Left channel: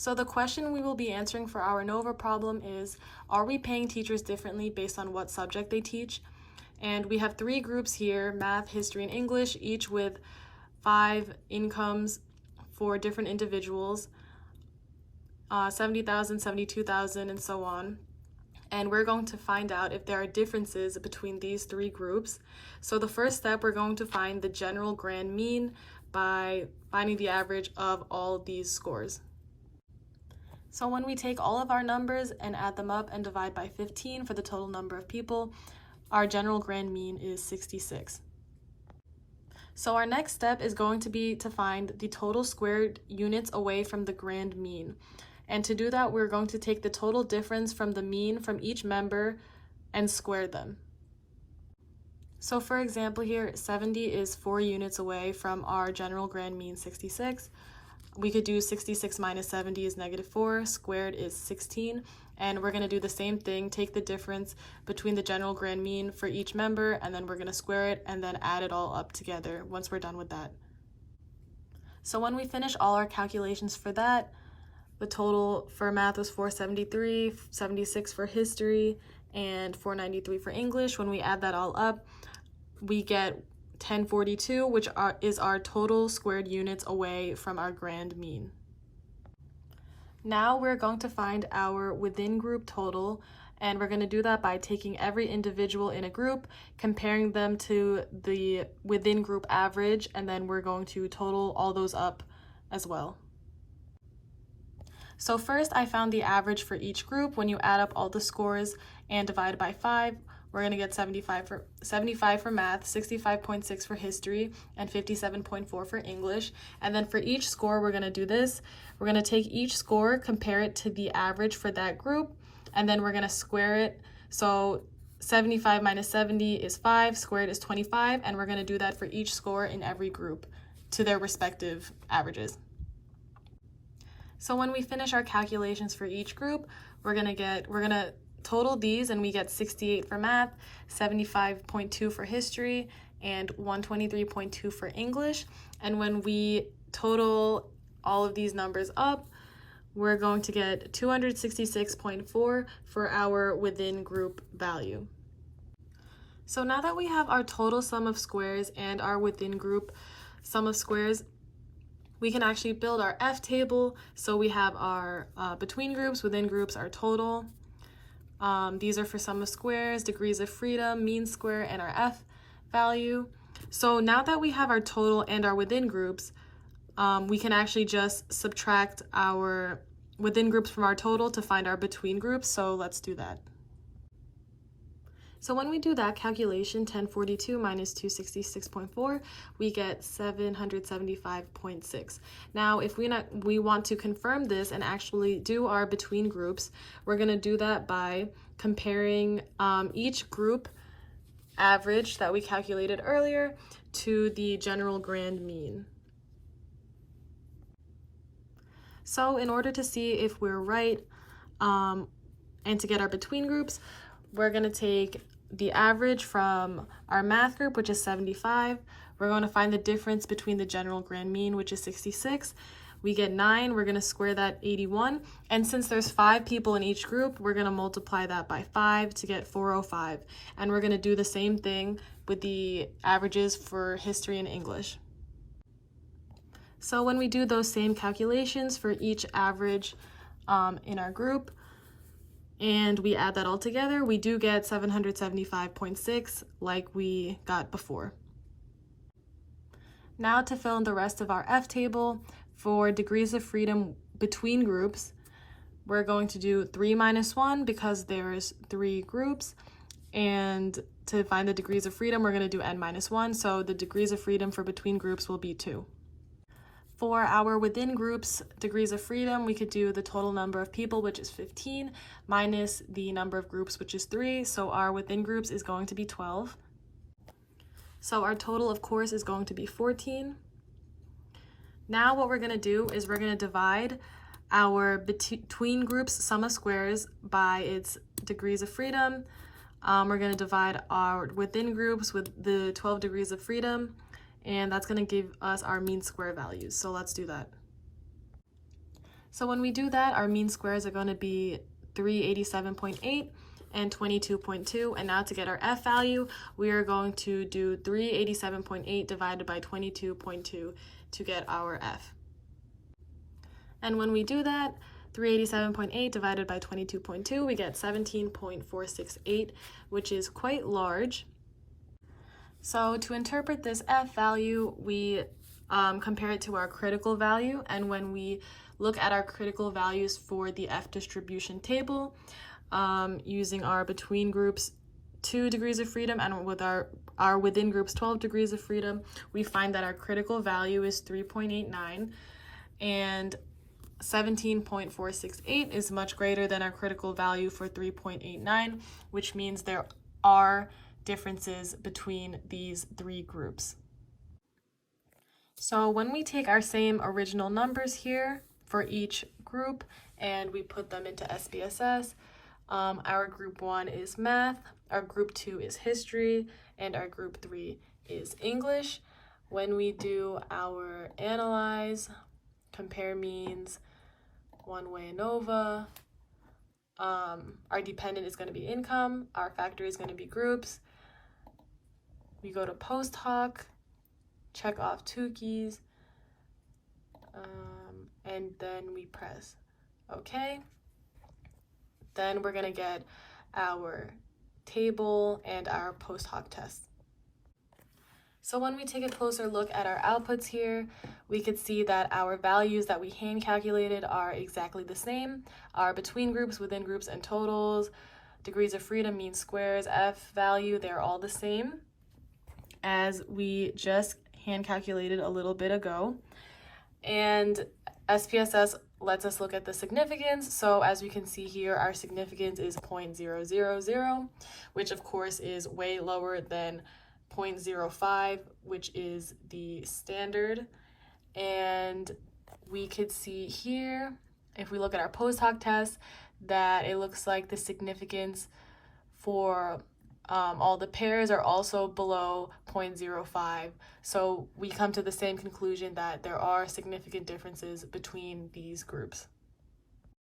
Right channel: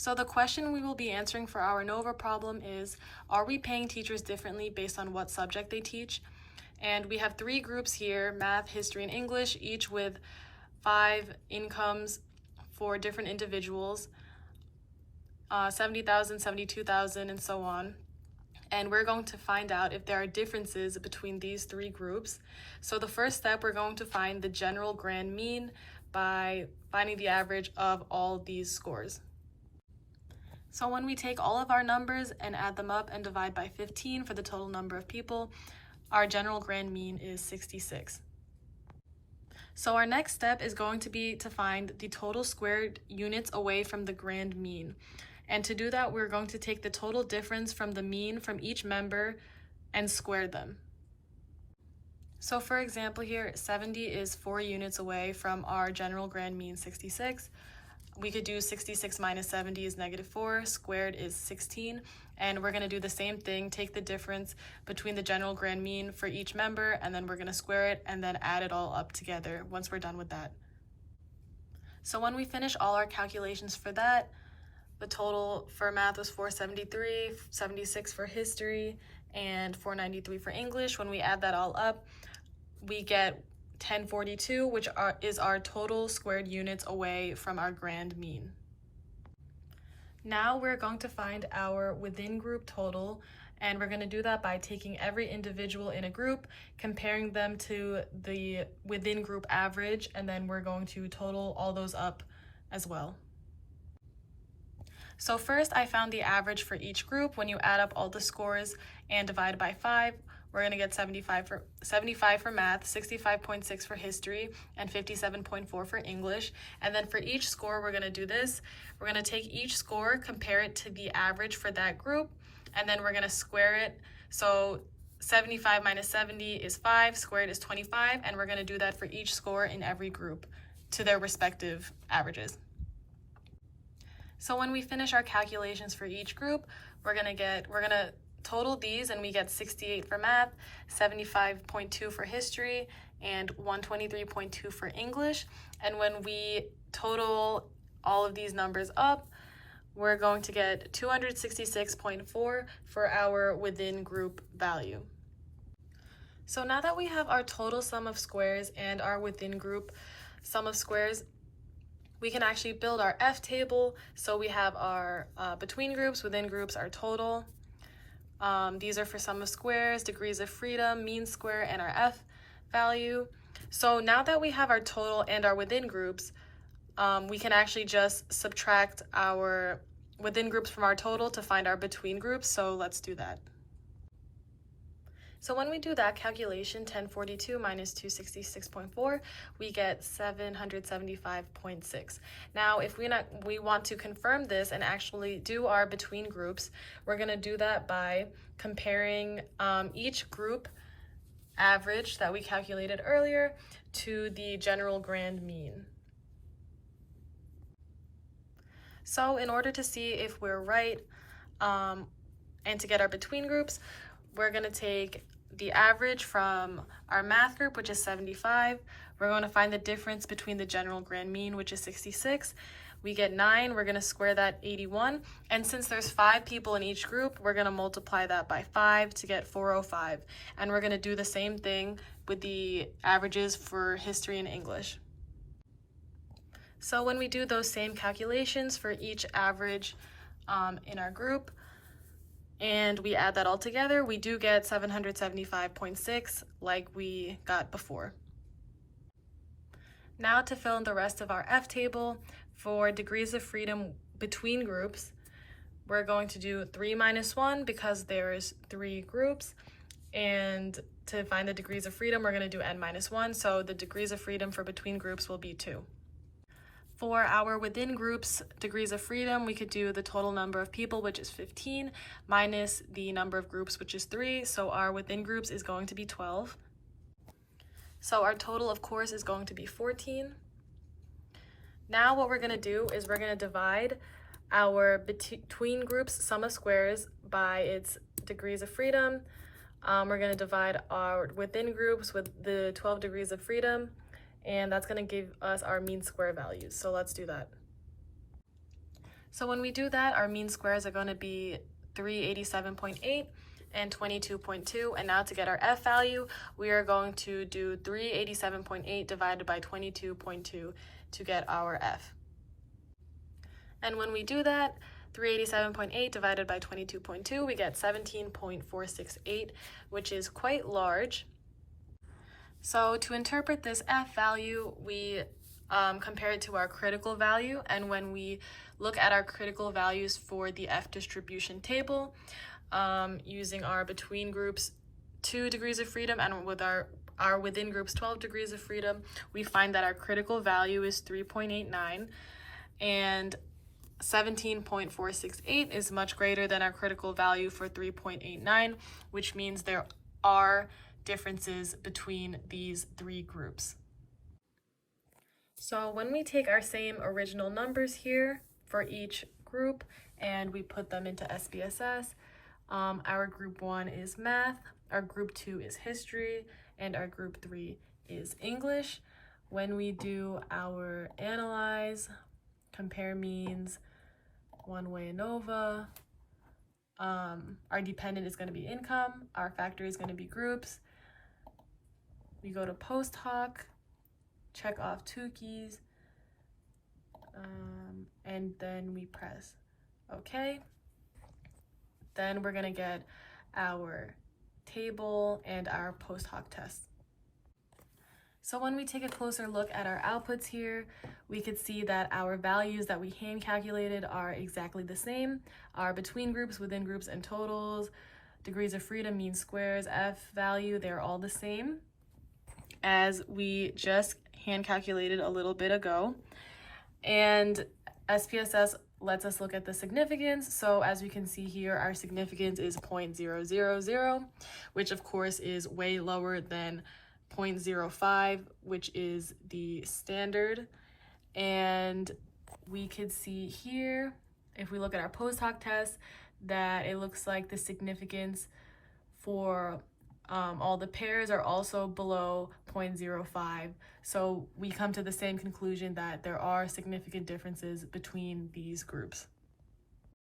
So the question we will be answering for our ANOVA problem is, are we paying teachers differently based on what subject they teach? And we have three groups here, math, history, and English, each with 5 incomes for different individuals, 70,000, 72,000, and so on. And we're going to find out if there are differences between these three groups. So the first step, we're going to find the general grand mean by finding the average of all these scores. So when we take all of our numbers and add them up and divide by 15 for the total number of people, our general grand mean is 66. So our next step is going to be to find the total squared units away from the grand mean. And to do that, we're going to take the total difference from the mean from each member and square them. So for example here, 70 is 4 units away from our general grand mean 66. We could do 66 minus 70 is -4, squared is 16, and we're going to do the same thing, take the difference between the general grand mean for each member, and then we're going to square it and then add it all up together once we're done with that. So when we finish all our calculations for that, the total for math was 473, 76 for history, and 493 for English. When we add that all up, we get 1042, which is our total squared units away from our grand mean. Now we're going to find our within group total, and we're going to do that by taking every individual in a group, comparing them to the within group average, and then we're going to total all those up as well. So first, I found the average for each group. When you add up all the scores and divide by 5, we're going to get 75 for math, 65.6 for history, and 57.4 for English. And then for each score, we're going to do this. We're going to take each score, compare it to the average for that group, and then we're going to square it. So 75 minus 70 is 5, squared is 25, and we're going to do that for each score in every group to their respective averages. So when we finish our calculations for each group, we're going to total these, and we get 68 for math, 75.2 for history, and 123.2 for English. And when we total all of these numbers up, we're going to get 266.4 for our within group value. So now that we have our total sum of squares and our within group sum of squares, we can actually build our F table. So we have our between groups, within groups, our total. These are for sum of squares, degrees of freedom, mean square, and our F value. So now that we have our total and our within groups, we can actually just subtract our within groups from our total to find our between groups. So let's do that. So when we do that calculation, 1042 minus 266.4, we get 775.6. Now, if we want to confirm this and actually do our between groups, we're going to do that by comparing each group average that we calculated earlier to the general grand mean. So in order to see if we're right and to get our between groups, we're going to take the average from our math group, which is 75. We're going to find the difference between the general grand mean, which is 66. We get 9. We're going to square that 81. And since there's 5 people in each group, we're going to multiply that by 5 to get 405. And we're going to do the same thing with the averages for history and English. So when we do those same calculations for each average in our group, and we add that all together, we do get 775.6 like we got before. Now to fill in the rest of our F table, for degrees of freedom between groups, we're going to do 3 minus 1 because there's 3 groups. And to find the degrees of freedom, we're going to do n minus 1. So the degrees of freedom for between groups will be 2. For our within groups degrees of freedom, we could do the total number of people, which is 15, minus the number of groups, which is 3. So our within groups is going to be 12. So our total, of course, is going to be 14. Now what we're going to do is we're going to divide our between groups sum of squares by its degrees of freedom. We're going to divide our within groups with the 12 degrees of freedom, and that's going to give us our mean square values. So let's do that. So when we do that, our mean squares are going to be 387.8 and 22.2. And now to get our F value, we are going to do 387.8 divided by 22.2 to get our F. And when we do that, 387.8 divided by 22.2, we get 17.468, which is quite large. So to interpret this F value, we compare it to our critical value. And when we look at our critical values for the F distribution table, using our between groups 2 degrees of freedom and with our within groups 12 degrees of freedom, we find that our critical value is 3.89, and 17.468 is much greater than our critical value for 3.89, which means there are differences between these three groups. So when we take our same original numbers here for each group and we put them into SPSS, our group 1 is math, our group 2 is history, and our group 3 is English. When we do our analyze, compare means, one-way ANOVA, our dependent is going to be income, our factor is going to be groups. We go to post hoc, check off Tukey's, and then we press OK. Then we're going to get our table and our post hoc test. So when we take a closer look at our outputs here, we could see that our values that we hand calculated are exactly the same. Our between groups, within groups, and totals, degrees of freedom, mean squares, F value, they're all the same as we just hand calculated a little bit ago. And SPSS lets us look at the significance. So as we can see here, our significance is 0.000, which of course is way lower than 0.05, which is the standard. And we could see here, if we look at our post hoc test, that it looks like the significance for all the pairs are also below 0.05. So we come to the same conclusion that there are significant differences between these groups.